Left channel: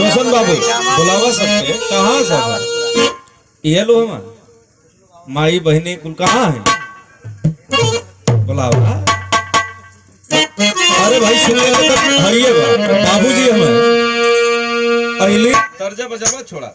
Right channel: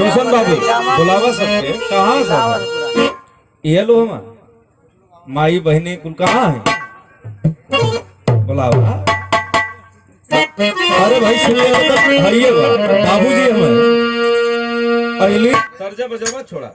रोशन बाबू बुलावा सबके कहाँ सब ये लो माई बहने कुल कहाँ है बुलावा। अरे भाई सुनिए बाबूजी हमें पहले तर्जा बजावा छोड़ा।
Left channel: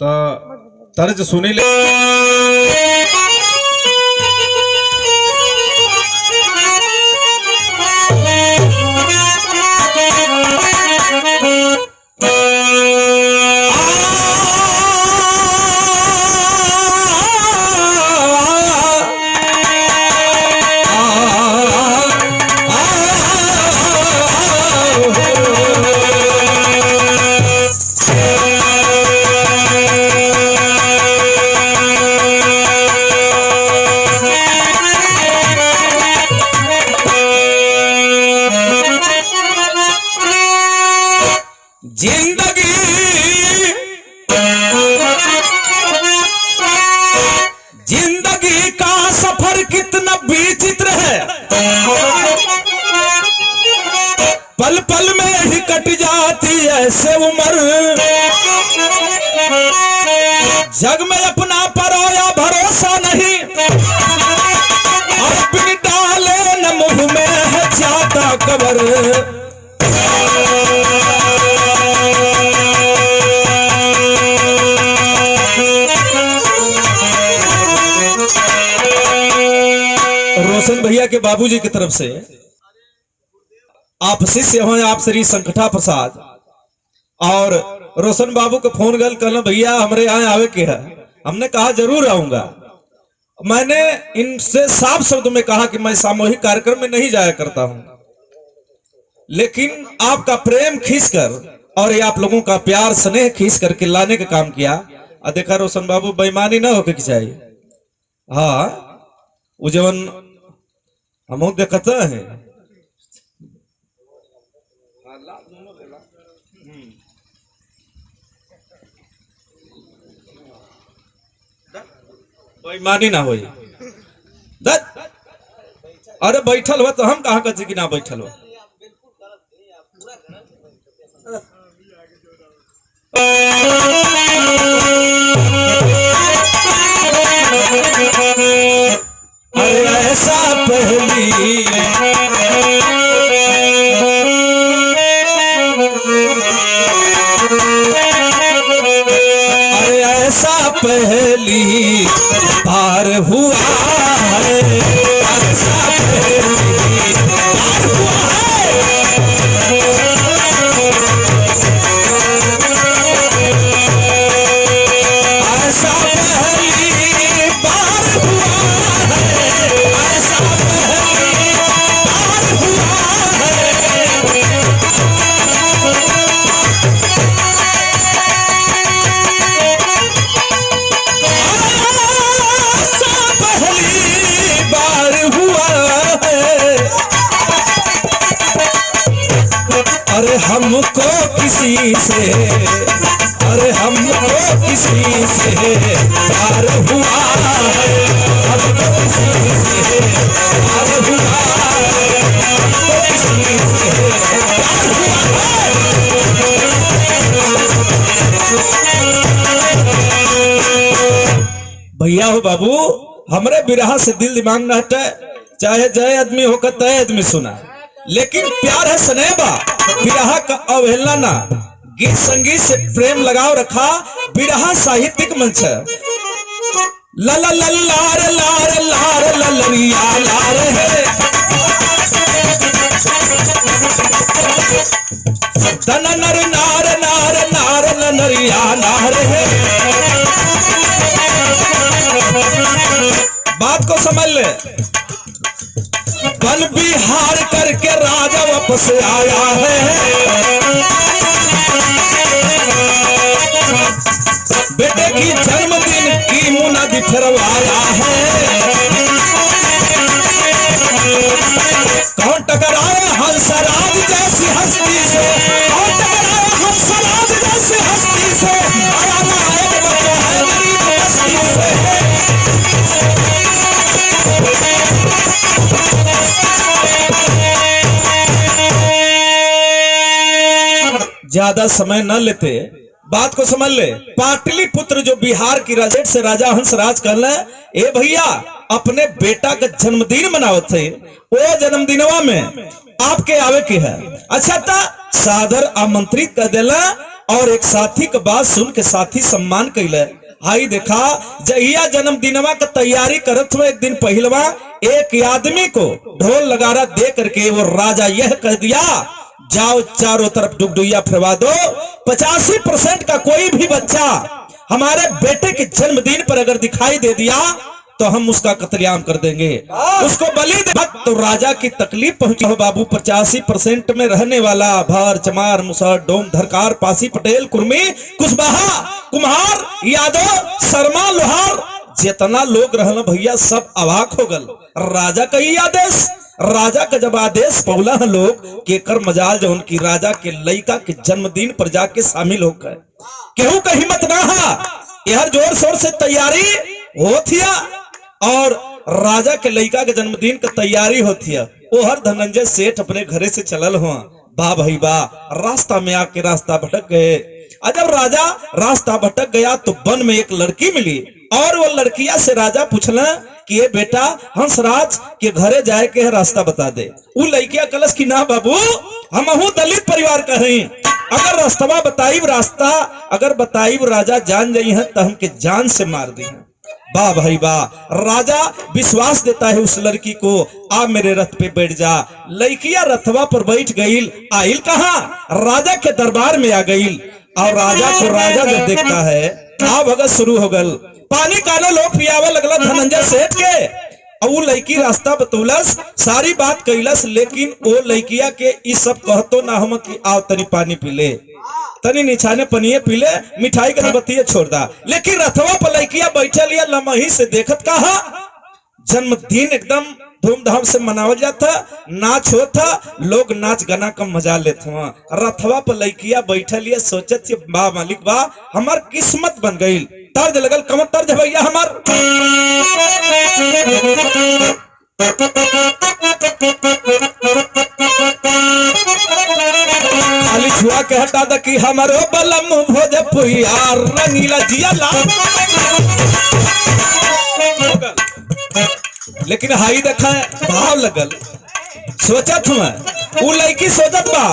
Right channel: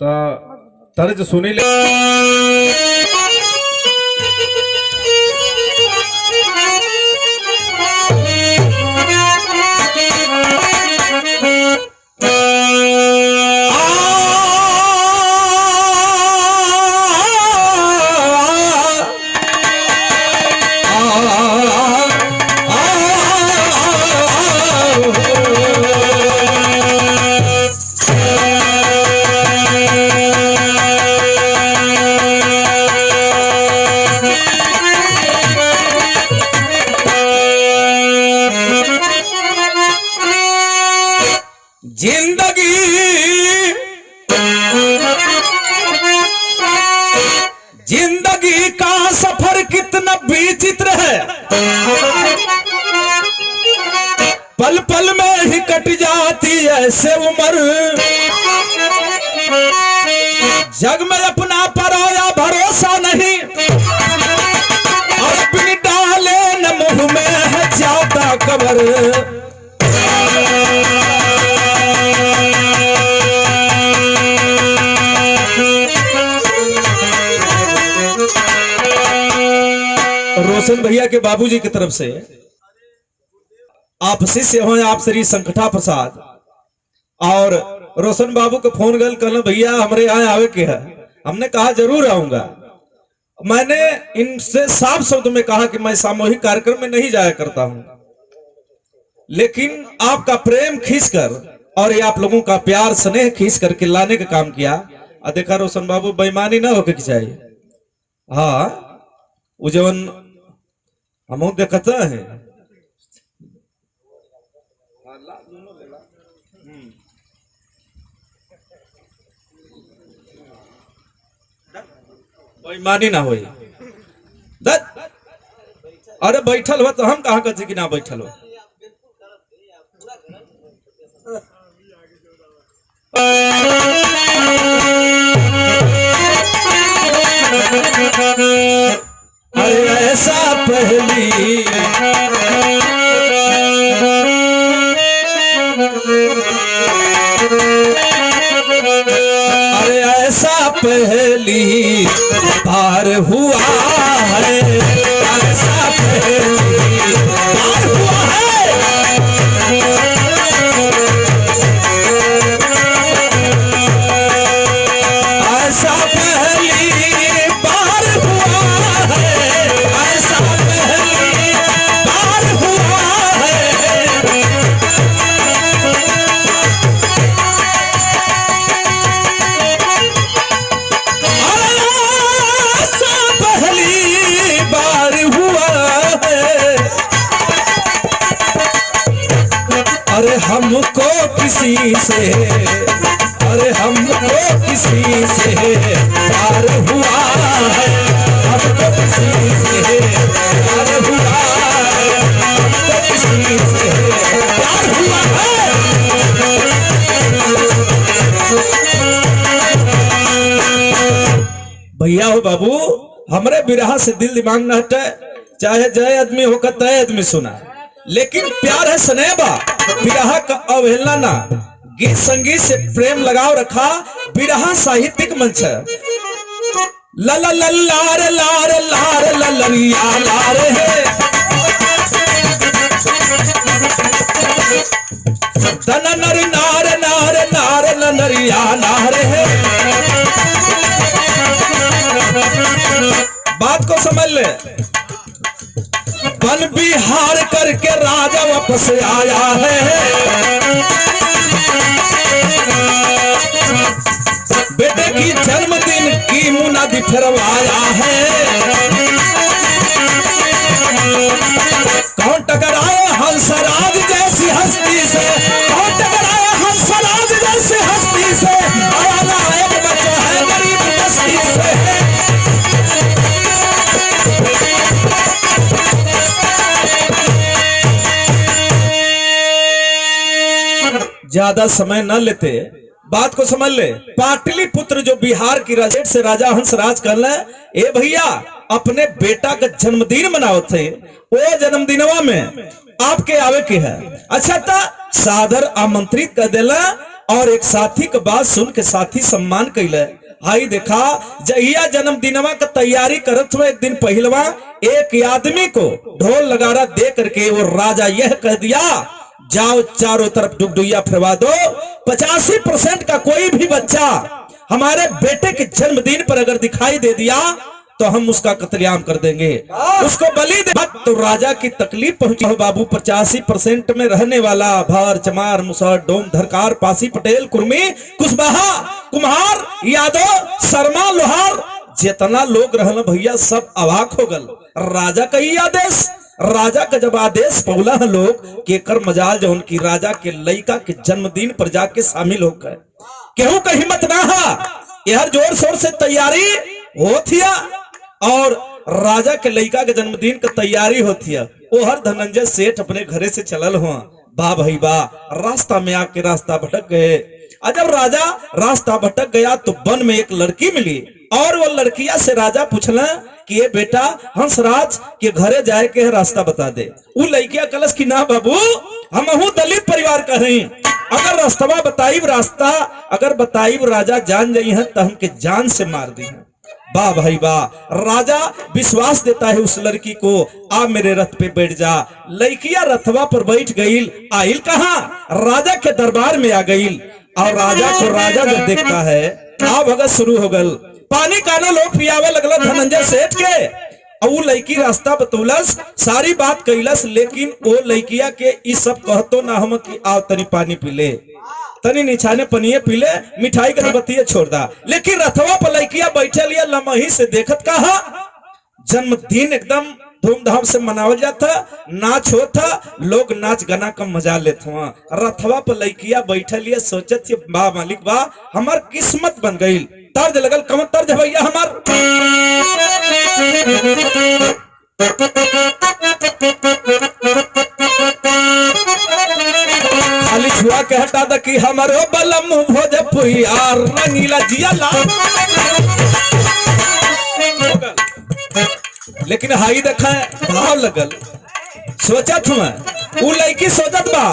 तो तारे जो सुनी ले जिंदगी जिंदगी का सफर कितना विचित्र है, पल पल में ही कट जाती है ऐसे उम्र। जग में अपना पराया भरोसा नहीं, और अपनी डाले न मुंह में है ज्यादा कबर। रोशन भैया के बाबूजी की तरफ से आप शिष्य हैं, आप श्री संकटा प्रसाद, और रोशन बाबू को फोन गल कहना भैया हमारे यहाँ आवे के है। हमने कहा जरूर आऊंगा। मैंने इनसे साफ शब्द में कहा कि मैं सामूहिक कार्यक्रम में नहीं जाया करता हूं, लेकिन आपका प्रेम खींचकर और ये आप लोगों का प्यार स्नेह खींच करके लाने का काम किया। देखा रोशन बाबू बेईमानी ना होके चाहिए। हाँ वो जवन हम देखता है बेईमानी ना हो। अरे बैठल हो तो हम कहाँ कहते कि ना बैठल हो। ऐसा पहली ऐसा पहली बार हुआ है, ऐसा पहली बार हुआ है। ऐसा पहली बार हुआ है, ऐसा पहली बार हुआ अरे हमको किसी से, अरे हमको किसी से प्यार हुआ है, हमको किसी से प्यार हुआ है, हमको किसी से प्यार हुआ है। भैया हो बाबू, हमरे बिरहा से दिल दिमाग न हटे, चाहे जय आदमी होकर तय आदमी सुना, लेकिन प्यार है स्नेहबा, बिरहा का अवहेलना ना। गीत संगीत से प्रेम लगाव रखा, बिरहा साहित्यिक मंच है। ला ला ला लार लार लार ललरिया लार है, तन नर नार नार नार नरिया नार है। बात को समझ ले, वन बिहार करके राजा वापस आया है, बेटे की जन्मदिन की मुनादी फिरवाया है। कौन टकराया हंसराज जैसी हस्ती से, कौन टकराया हंसराज जैसी हस्ती से, आया एक बच्चा है गरीब बस्ती से। ज्यादा समय न लेते, बात को समझ ले। पाटलिपुत्र जो बिहार की राजट से राजा हंसराज कहले, ए भैया अपने बेटा का जन्मदिन मनाओ थे, वो जन्मदिनवा में आपके आवे के है। अच्छा था सादर आमंत्रित कर देला, और एक साथी का बात सुन के साथी सम्मान कैले। आई देखा जहिया जन्मदिनवा का तैयारी करत हुए एक दिन पहलवा एक आदमी को ढोल नगारा दे करके वो राजा यह कह दिया, जाओ चारों तरफ डुगडुइया फिरवा दो, 85% का कोई भी बच्चा हमारे बेटे के जन्मदिन पर अगर दिखाई दे दिया तो हम उसका कत्लेआम कर देंगे, उसको बलि दे। तो राजा की तकलीफ पहुंची हो बाबू। 85% में रहने वाला भार चमार मुसहर डोम धरकार पासी पटेल कुर्मी कुशवाहा कुम्हार यादव शर्मा लोहार जितना लोग रहना भैया सब अवाक हो गल। राजा का ही आदेश, राजा का जब आदेश पौला है लोग के कर मजाल जो उनकी राजा के लड़का के जन्मदिन पर जाके शामिल होकर केहू का हिम्मत ना हा, यह जोर शोर से तैयारी होती है और राजा के लड़का के जन्मदिन का तैयारी होती है। वो हर धनंजय सेठ अपने घरे से चलल हुआ, वाह भाई वाह, रास्ता में आके रास्ता भटक गए। जब राजा रास्ता भटक गया तो वन में एक लड़की मिली और वो लड़किया से राजा पूछला कि ये बेटा हंसराज के घरे जाए के रास्ता बता दे। वो लड़किया कलश की ना बाबू, हम दलित परिवार का हैं, अगर रास्ता बताइब रास्ता अगर बताइब राजा जान जाई है तो हमके जान से मार दी है। वाह भाई वाह, राजा विश्वास देता है उस लड़की को, आ मेरे रथ पे बैठ जा। लड़किया रथवा पर बैठ गई, आइल कहा राजा के दरबार में आ गई और राजा को राजा जब देखता है आ भगत शुरू हो गल, पानी काना लोग पियावे लगला धनंजय सेठ के। और वो लड़की रास्ता बतौलस, सारी बात कैलस, लेकिन वो लड़किया के इस सब कहतो ना हम कि आओ तनी पानी पी ले, तनी निछाने पनिए पी ले, मिठाई के बतिये छोड़ दा। लेकिन रथवा पर लड़किया बैठे लिया लमही से देखत कहा, जन्मदिन एकदम धूमधाम से मनावल जाता, नाच होता, लोग नाच गाना का मजा लेते हुआ। रथवा पर लड़किया बैठे लिया सोचत थी वाह मालिक वाह, हमार किस्मत बन गई। तर्ज लगल, कमर तर्ज भैया हमार, खाली छुआ के हटा द कि हमारो बलम भोजपुरिया रंगीला जिया ला। लेकिन हाई देखा भाव लगल, सोचत हुआ वो लड़की सोचत बा,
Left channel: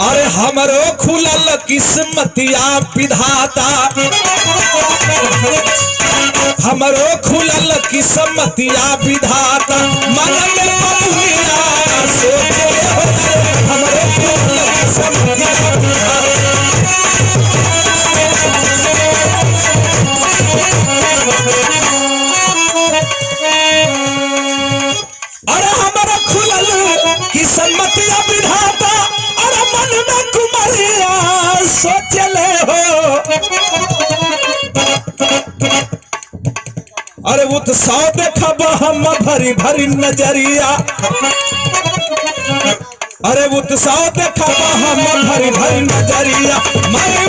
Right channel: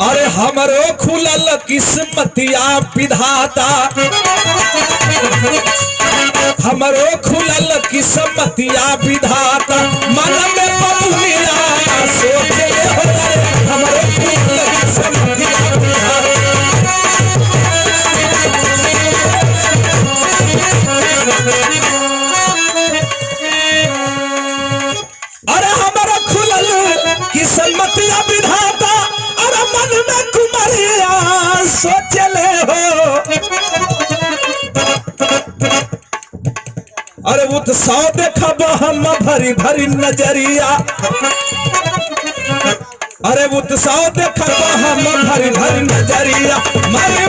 अरे हमारो खुलल किस्मतिया विधाता, हमारो खुलल किस्मतिया विधाता, मन में बबुलिया सोचे हमारो खुलल किस्मतिया अरे हमारा खुलल किस्मतिया विधाता, अरे मन में कुमरिया सोचले हो। अरे उत्सव देखब हम भरी भरी नजरिया, अरे उत्साह देखा हम भरी भरी नजरिया, मर